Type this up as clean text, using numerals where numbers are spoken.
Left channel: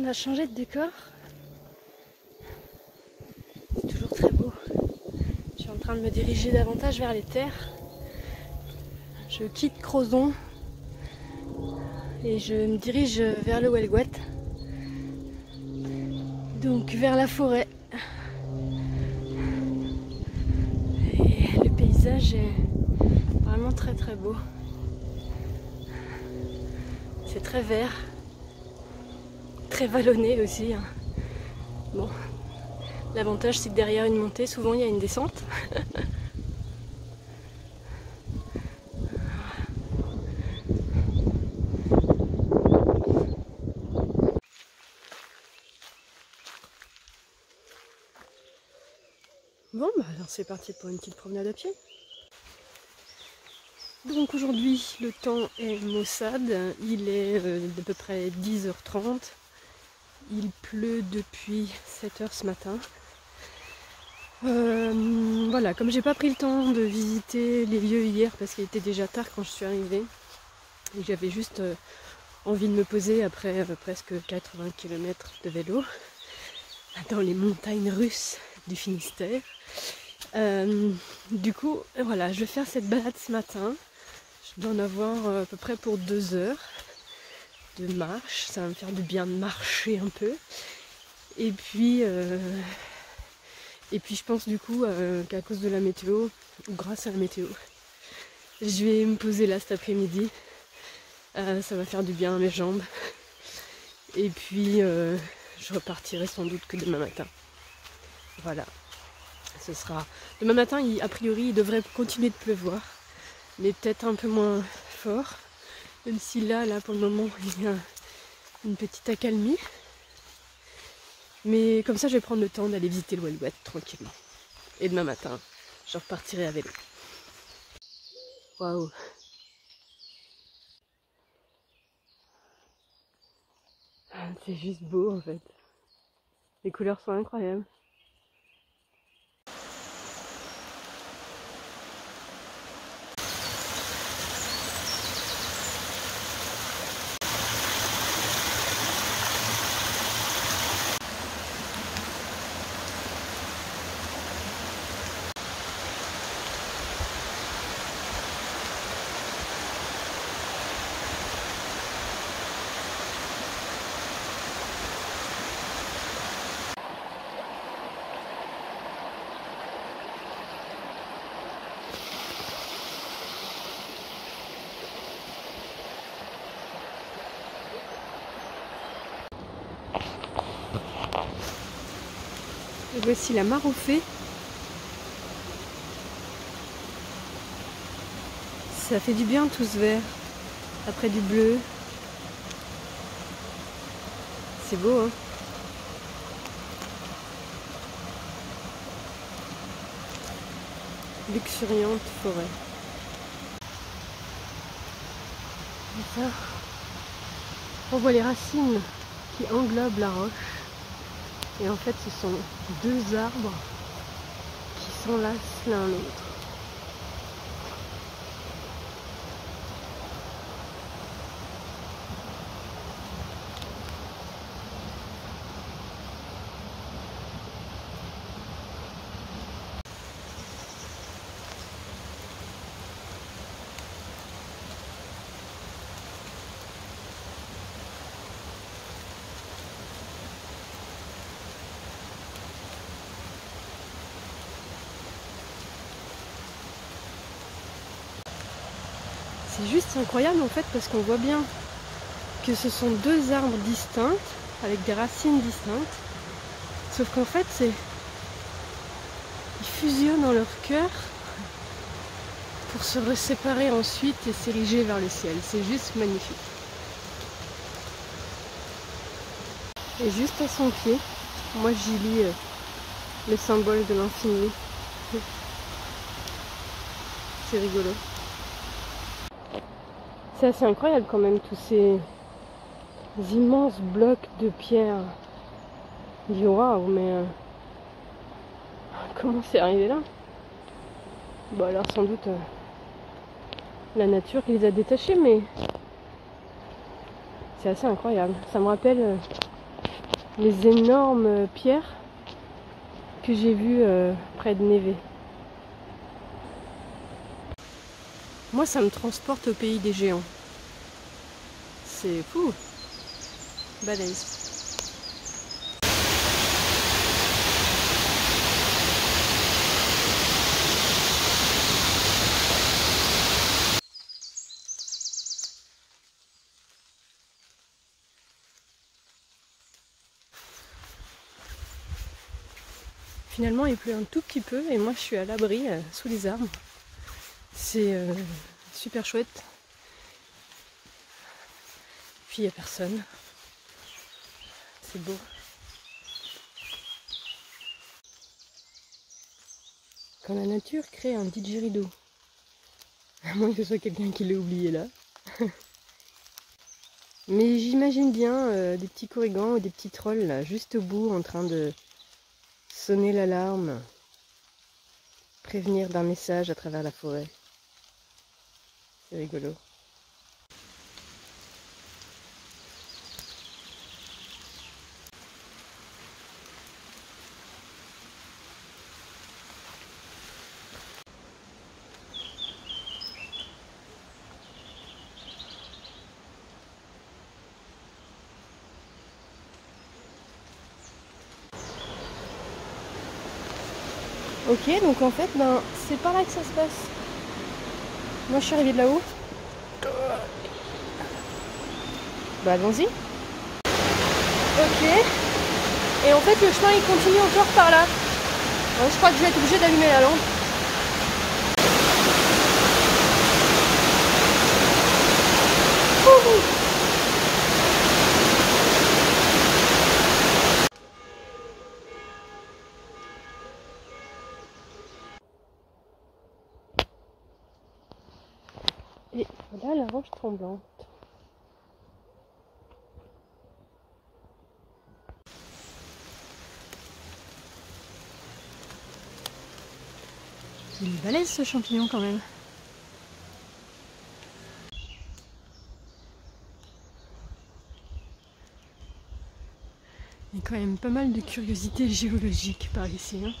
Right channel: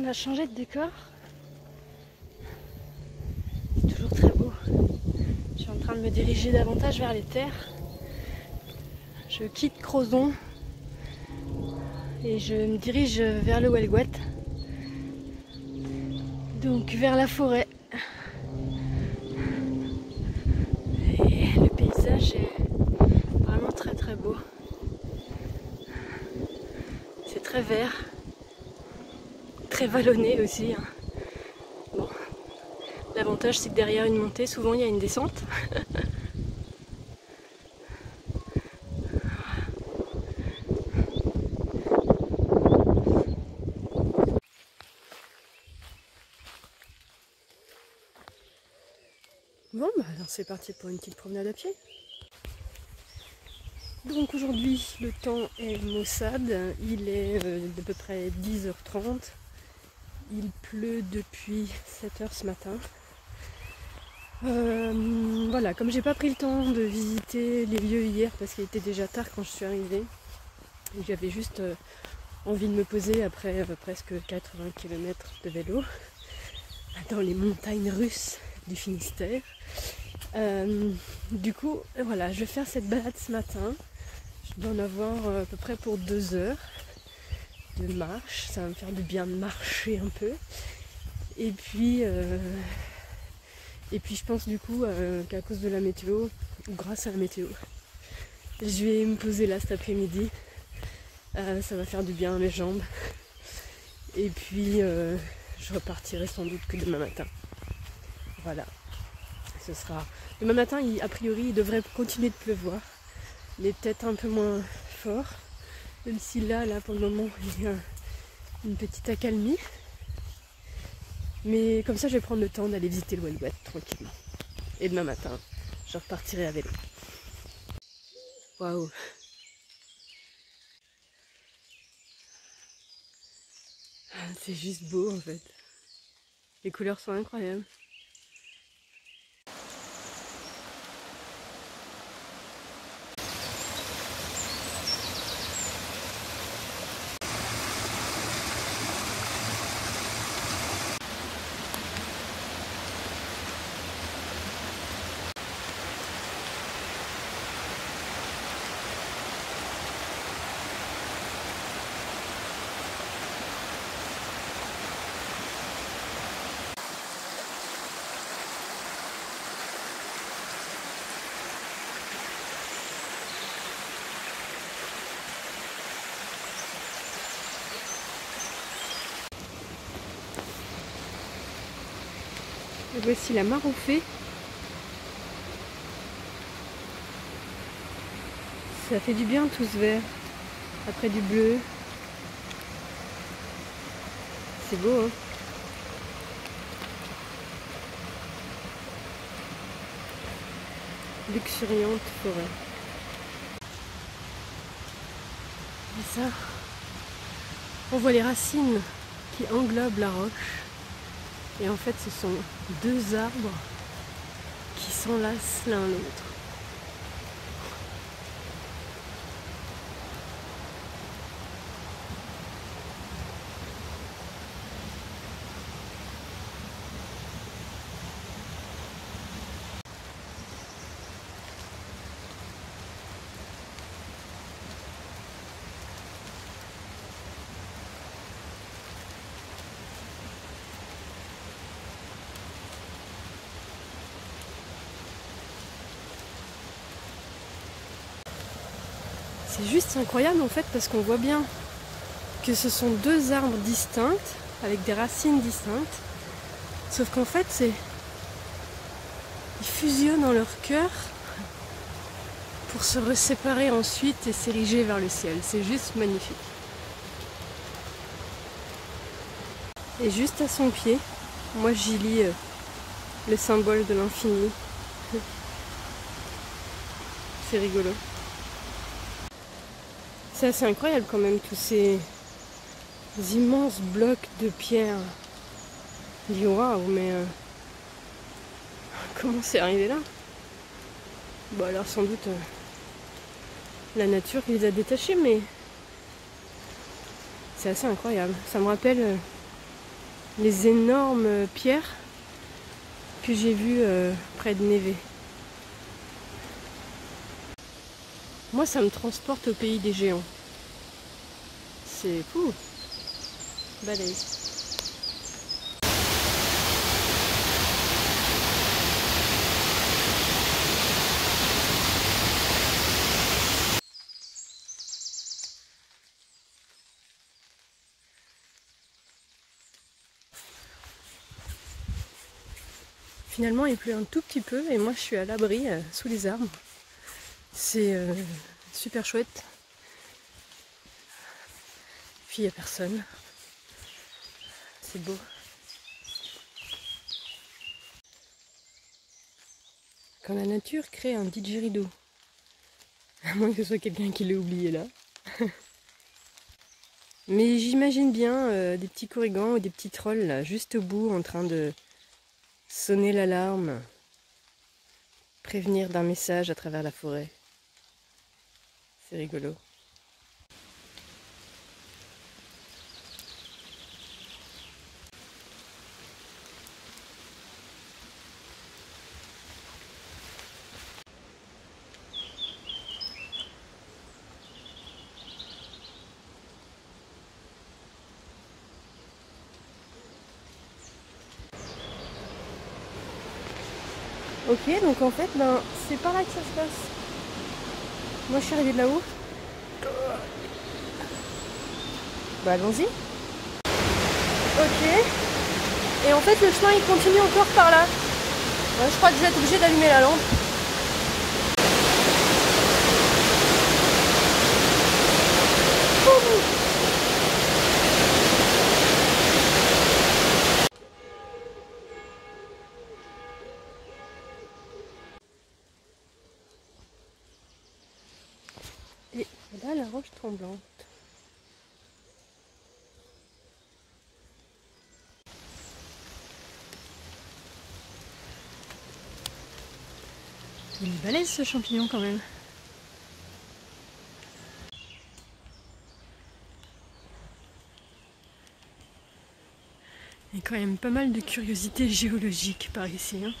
On a changé de décor. C'est toujours très beau. Je suis en train de me diriger davantage vers les terres. Je quitte Crozon et je me dirige vers le Welgoat. Donc vers la forêt. Et le paysage est vraiment très très beau. C'est très vert, très vallonné aussi. Bon, l'avantage c'est que derrière une montée, souvent il y a une descente. Bon, bah alors c'est parti pour une petite promenade à pied. Donc aujourd'hui le temps est maussade, il est d'à peu près 10h30, il pleut depuis 7h ce matin. Voilà, comme j'ai pas pris le temps de visiter les lieux hier parce qu'il était déjà tard quand je suis arrivée, j'avais juste envie de me poser après presque 80 km de vélo dans les montagnes russes du Finistère. Du coup, voilà, je vais faire cette balade ce matin. Je dois en avoir à peu près pour 2 heures de marche. Ça va me faire du bien de marcher un peu. Et puis je pense du coup qu'à cause de la météo, ou grâce à la météo, je vais me poser là cet après-midi. Ça va faire du bien à mes jambes. Et puis je repartirai sans doute que demain matin. Voilà. Ce sera... Demain matin, a priori, il devrait continuer de pleuvoir. Mais peut-être un peu moins fort. Même si là pour le moment, il y a une petite accalmie. Mais comme ça, je vais prendre le temps d'aller visiter le Welgoat tranquillement. Et demain matin, je repartirai à vélo. Waouh! C'est juste beau en fait. Les couleurs sont incroyables. Et voici la Maroufée. Ça fait du bien tout ce vert. Après du bleu. C'est beau, hein? Luxuriante forêt. Et ça, on voit les racines qui englobent la roche. Et en fait, ce sont 2 arbres qui s'enlacent l'un l'autre. C'est juste incroyable en fait parce qu'on voit bien que ce sont 2 arbres distincts avec des racines distinctes, sauf qu'en fait ils fusionnent dans leur cœur pour se séparer ensuite et s'ériger vers le ciel. C'est juste magnifique. Et juste à son pied, moi j'y lis le symbole de l'infini. C'est rigolo. C'est assez incroyable quand même, tous ces immenses blocs de pierre. Je dis waouh, mais comment c'est arrivé là? Bon alors sans doute la nature les a détachés, mais c'est assez incroyable. Ça me rappelle les énormes pierres que j'ai vues près de Neve. Moi, ça me transporte au pays des géants. C'est fou, balèze. Finalement, il pleut un tout petit peu et moi, je suis à l'abri sous les arbres. C'est super chouette. Puis il n'y a personne. C'est beau. Quand la nature crée un didgeridoo, à moins que ce soit quelqu'un qui l'ait oublié là. Mais j'imagine bien des petits korrigans ou des petits trolls là, juste au bout, en train de sonner l'alarme, prévenir d'un message à travers la forêt. C'est rigolo. Ok, donc en fait, c'est par là que ça se passe. Moi, je suis arrivée de là-haut. Bah, allons-y. Ok. Et en fait, le chemin, il continue encore par là. Ouais, je crois que je vais être obligée d'allumer la lampe. Ouh. Et là, la roche tremblante. Il est balèze ce champignon quand même. Il y a quand même pas mal de curiosités géologiques par ici. Hein.